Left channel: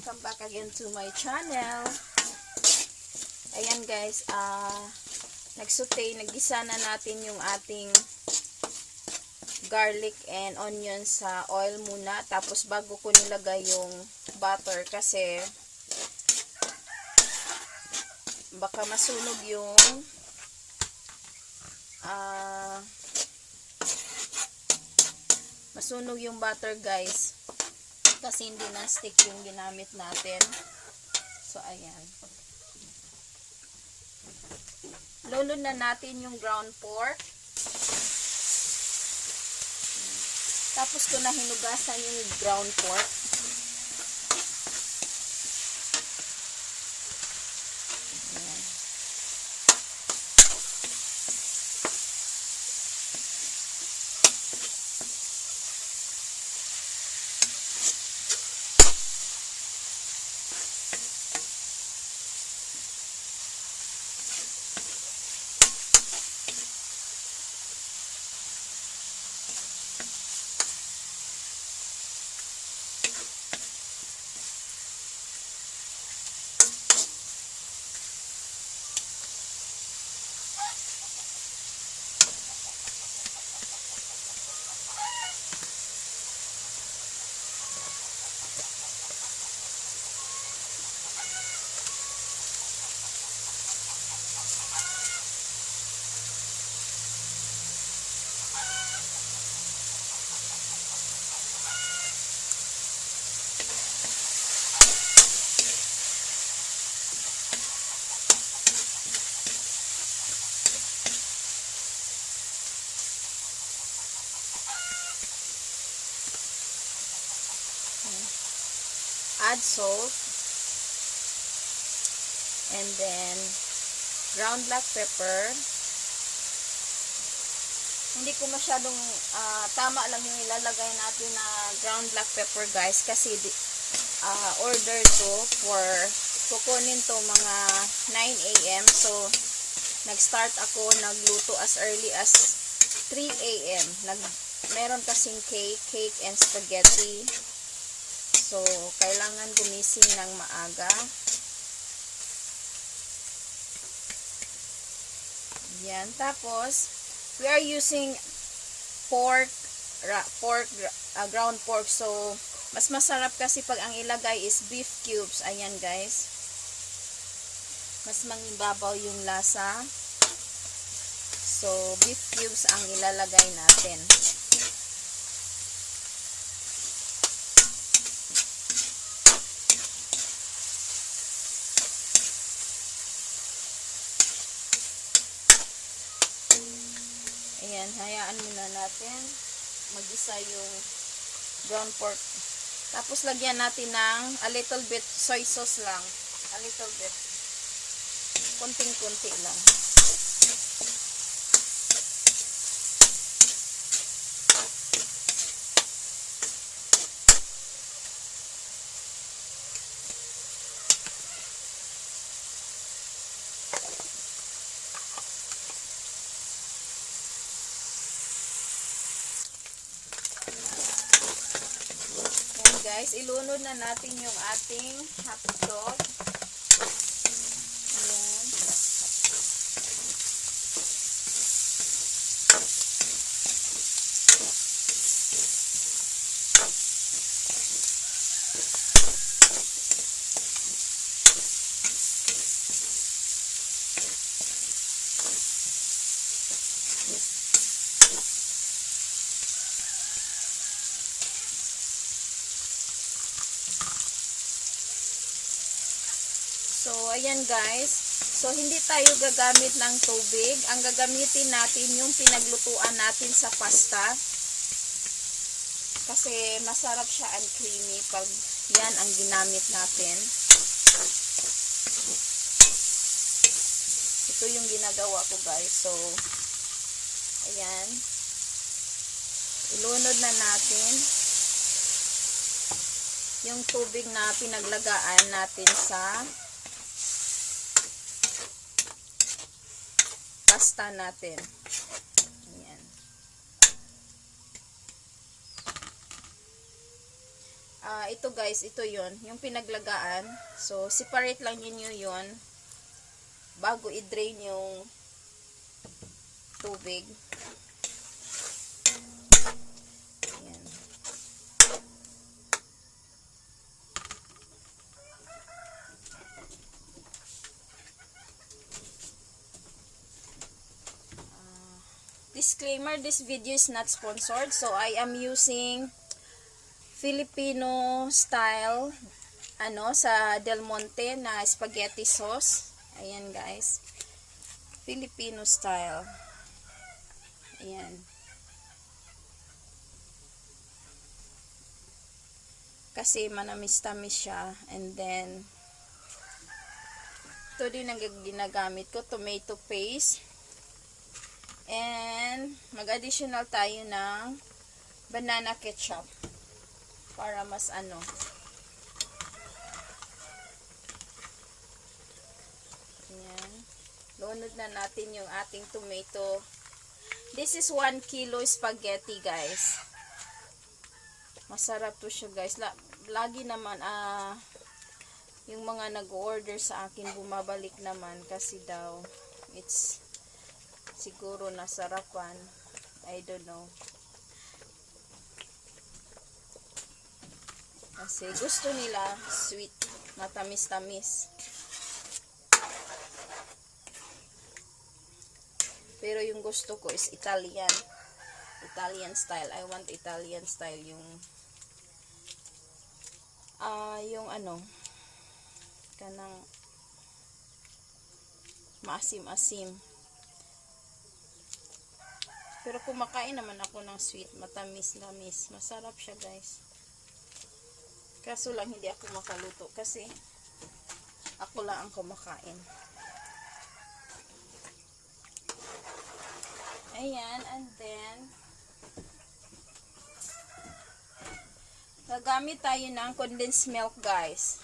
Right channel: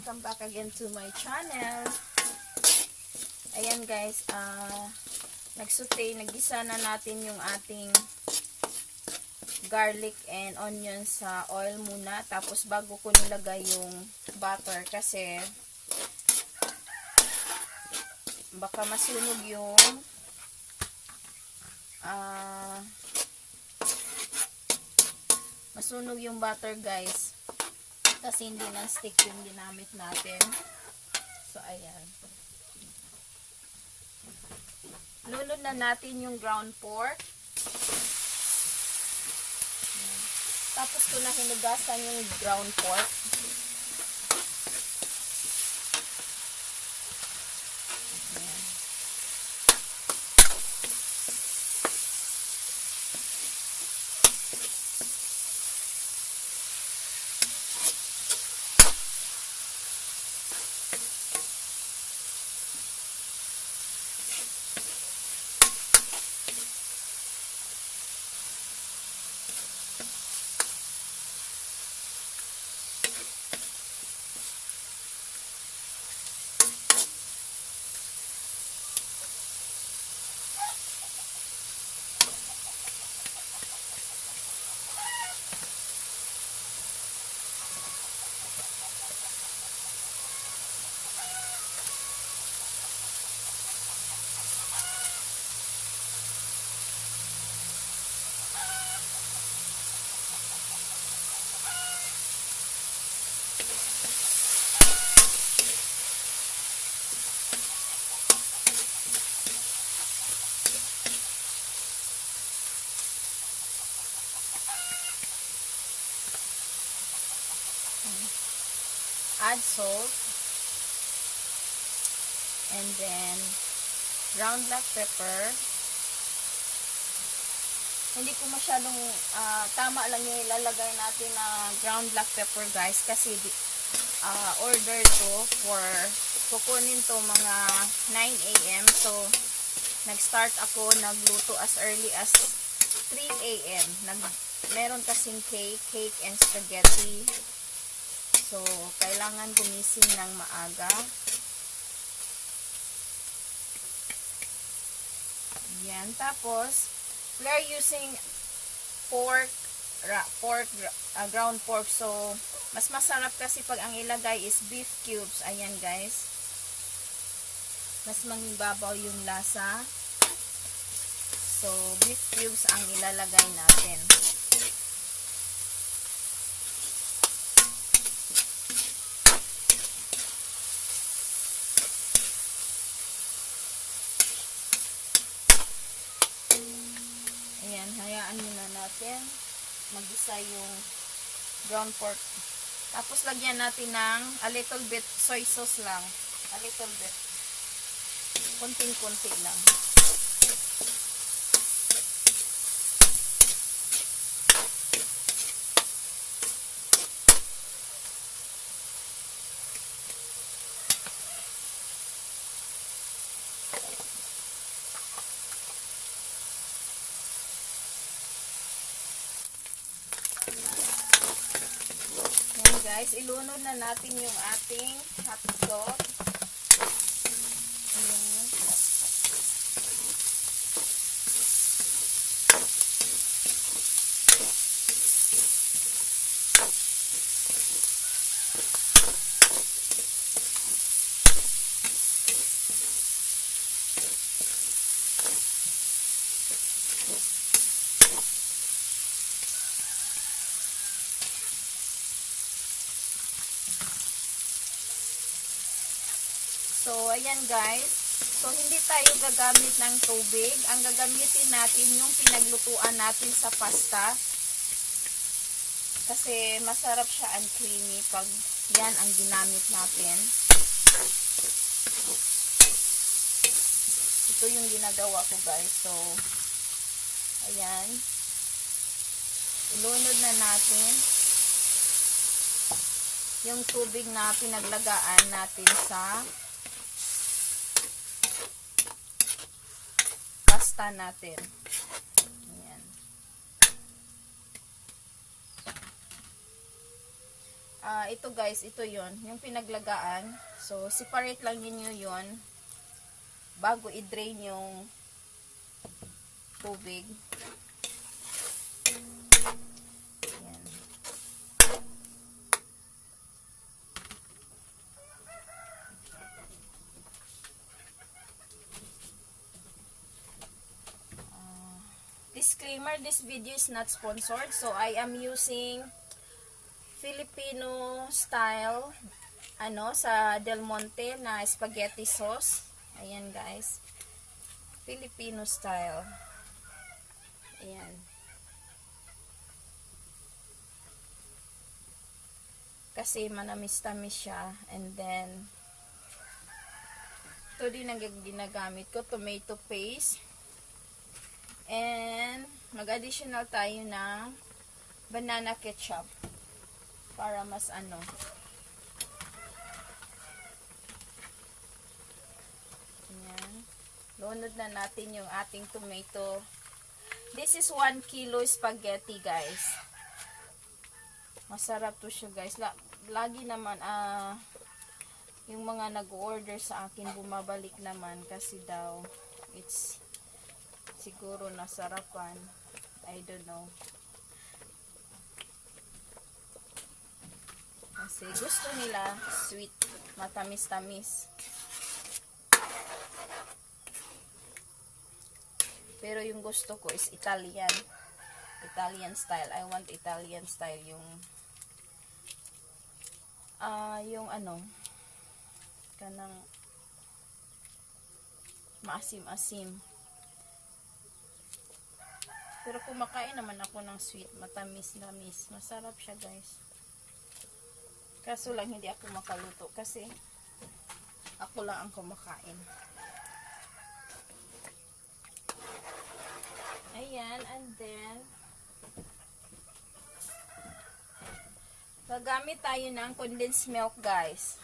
Welcome back again to my channel. Ayan guys, naggisa na natin yung ating garlic and onion sa oil muna. Tapos bago ko nilagay yung butter kasi baka masunog yung butter guys. Kasi hindi na stick yung ginamit natin. So, ayan. Lolo na natin yung ground pork. Tapos ko na hinugasan yung ground pork. Add salt and then ground black pepper. Hindi ko masyadong tama lang yung ilalagay natin na ground black pepper guys kasi order ko for kukunin to mga 9 AM. So nag-start ako nagluto as early as 3 AM. Meron kasing cake and spaghetti. So, kailangan gumising ng maaga. Yan. Tapos, we are using ground pork. So, mas masarap kasi pag ang ilagay is beef cubes. Ayan guys. Mas mangibabaw yung lasa. So, beef cubes ang ilalagay natin. Ayan, hayaan muna natin mag-isa yung ground pork. Tapos lagyan natin ng a little bit soy sauce lang. A little bit. Kunting-kunti lang. Guys, ilunod na natin yung ating hotdog. Ayan. So, ayan guys. So, hindi tayo gagamit ng tubig. Ang gagamitin natin yung pinaglutuan natin sa pasta. Kasi masarap siya and creamy pag yan ang ginamit natin. Ito yung ginagawa ko guys. So, ayan. Ilunod na natin yung tubig na pinaglagaan natin sa pasta natin. Ayan. Ito guys, ito yon yung pinaglagaan. So, separate lang ninyo yun bago i-drain yung tubig. Ayan. Disclaimer, this video is not sponsored. So, I am using Filipino style sa Del Monte na spaghetti sauce. Ayan guys. Filipino style. Ayan. Kasi manamis-tamis siya. And then, ito din ang ginagamit ko. Tomato paste. And, mag-additional tayo ng banana ketchup. Para mas Ayan. Lunod na natin yung ating tomato. This is 1 kilo spaghetti, guys. Masarap to siya, guys. Lagi naman, yung mga nag-order sa akin, bumabalik naman kasi daw, it's siguro nasarapan. I don't know. Kasi gusto nila sweet, matamis-tamis. Pero yung gusto ko is Italian. Italian style. I want Italian style yung kanang maasim-asim. Pero kumakain naman ako ng sweet, matamis-tamis. Masarap siya, guys. Kaso lang hindi ako makaluto kasi ako lang ang kumakain. Ayan, and then gagamit tayo ng condensed milk, guys.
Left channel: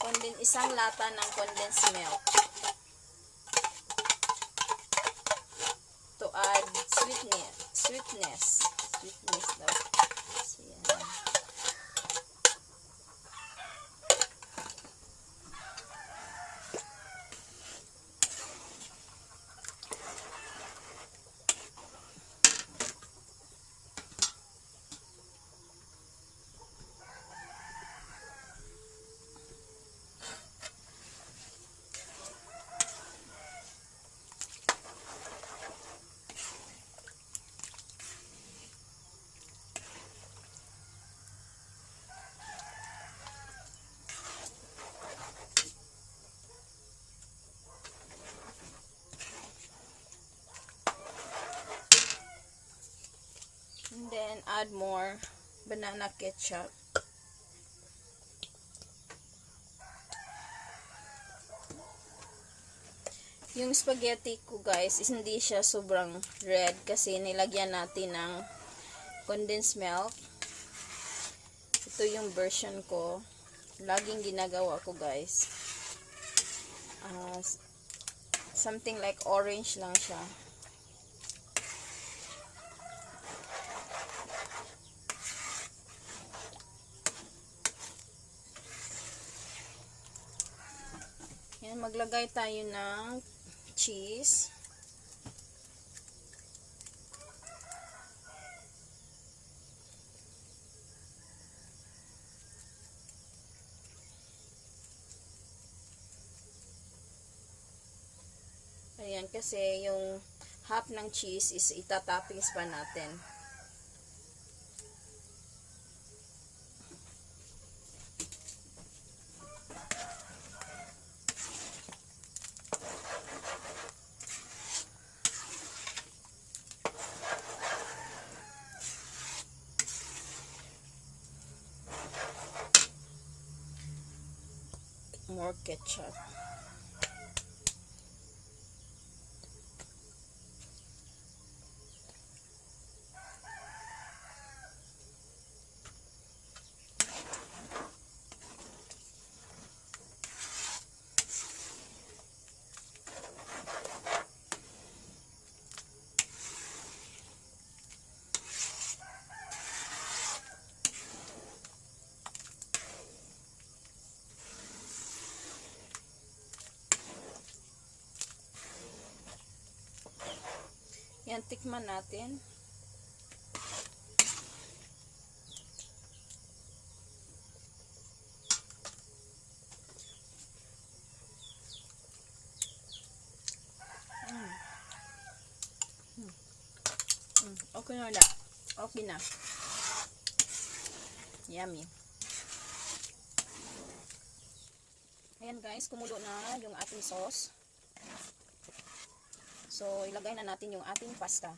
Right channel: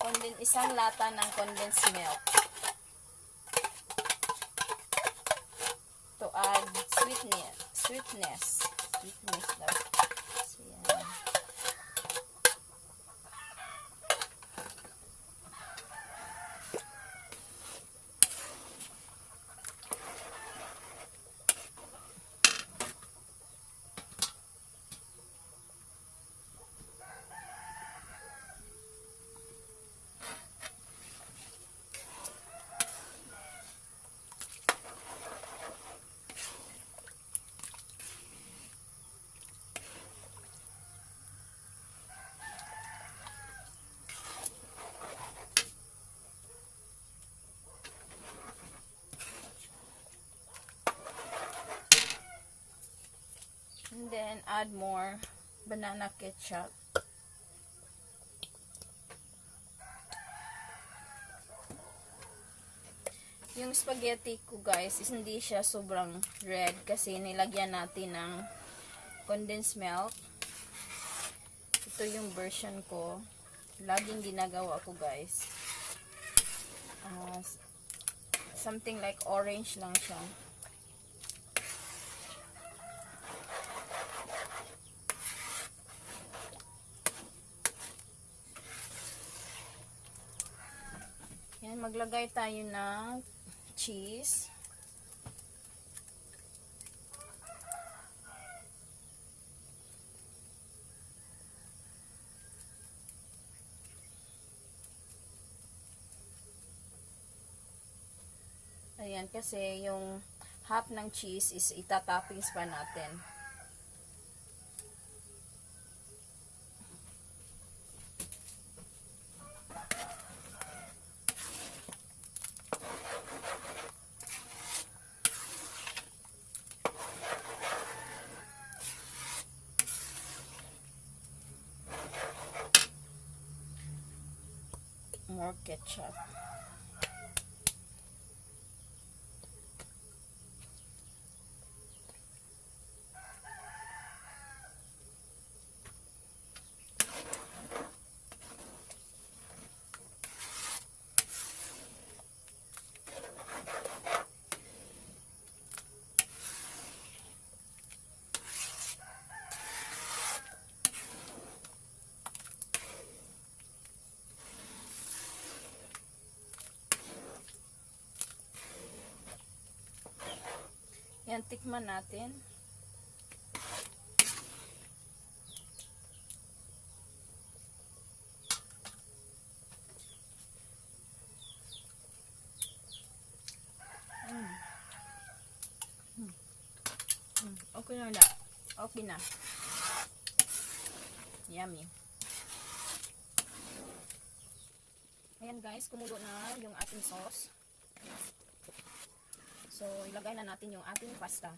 Ayan. Isang lata ng condensed milk. To add sweetness daw. So, yan. Then add more banana ketchup. Yung spaghetti ko, guys, is hindi siya sobrang red kasi nilagyan natin ng condensed milk. Ito yung version ko. Laging ginagawa ko, guys. Something like orange lang siya. Maglagay tayo ng cheese. Ayan, kasi yung half ng cheese is itatoppings pa natin. More ketchup. tikman natin. Okay na na. Okay na. Yummy. Ayan guys, kumulo na yung ating sauce. So, ilagay na natin yung ating pasta.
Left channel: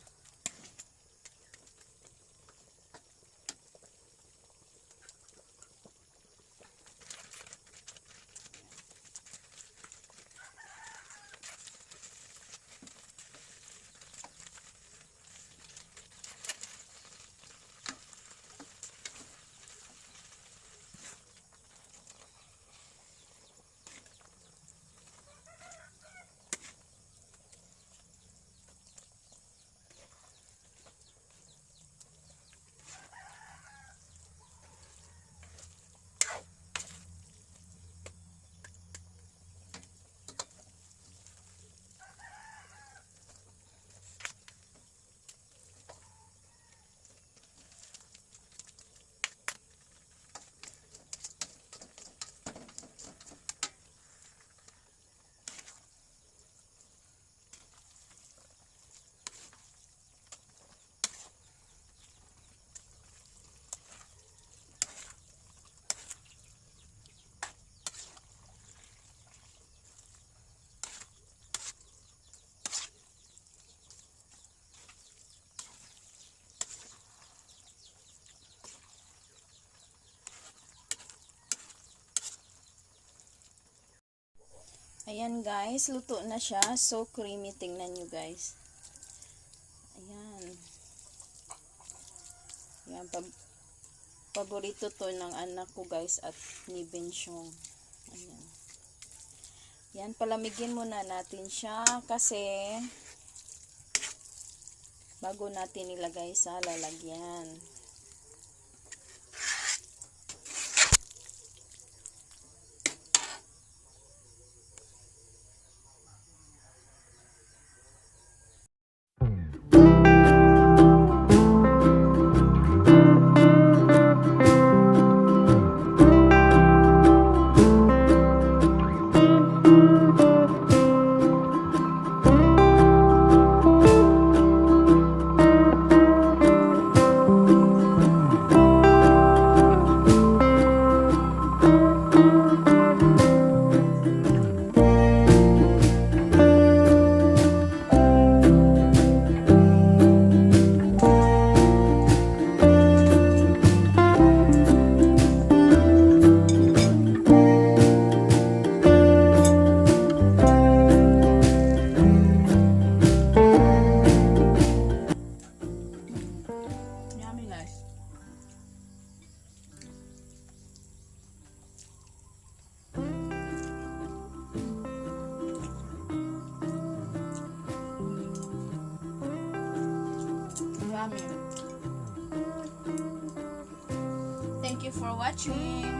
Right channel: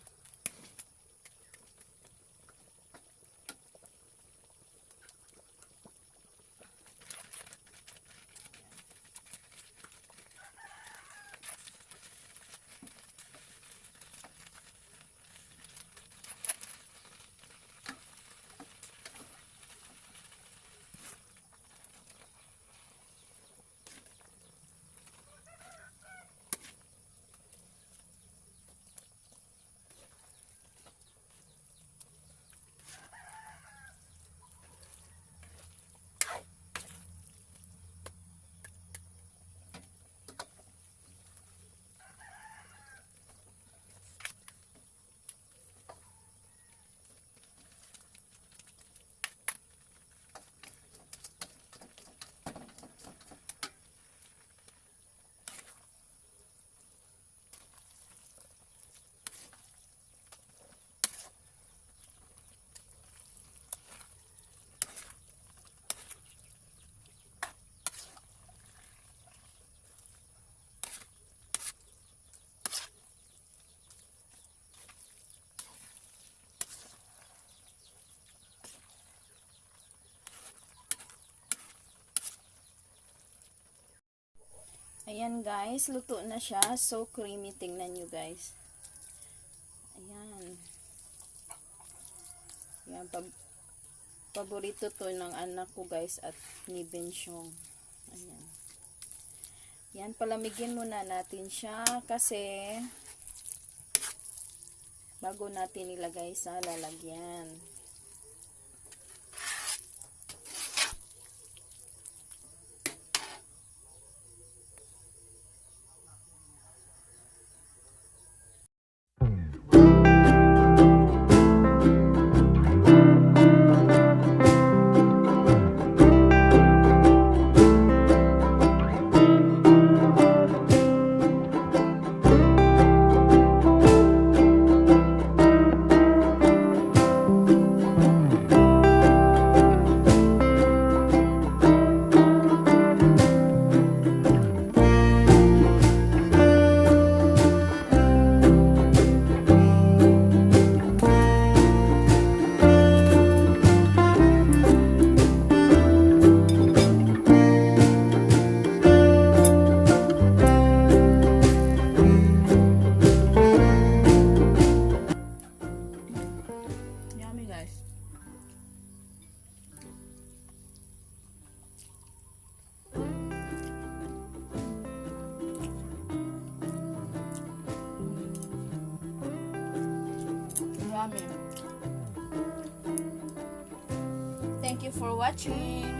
Ayan guys, luto na siya. So creamy. Tingnan nyo guys. Ayan. Ayan, paborito to ng anak ko guys at ni Bensyong. Ayan. Yan, palamigin muna natin siya kasi bago natin ilagay sa lalagyan. Thank you for watching.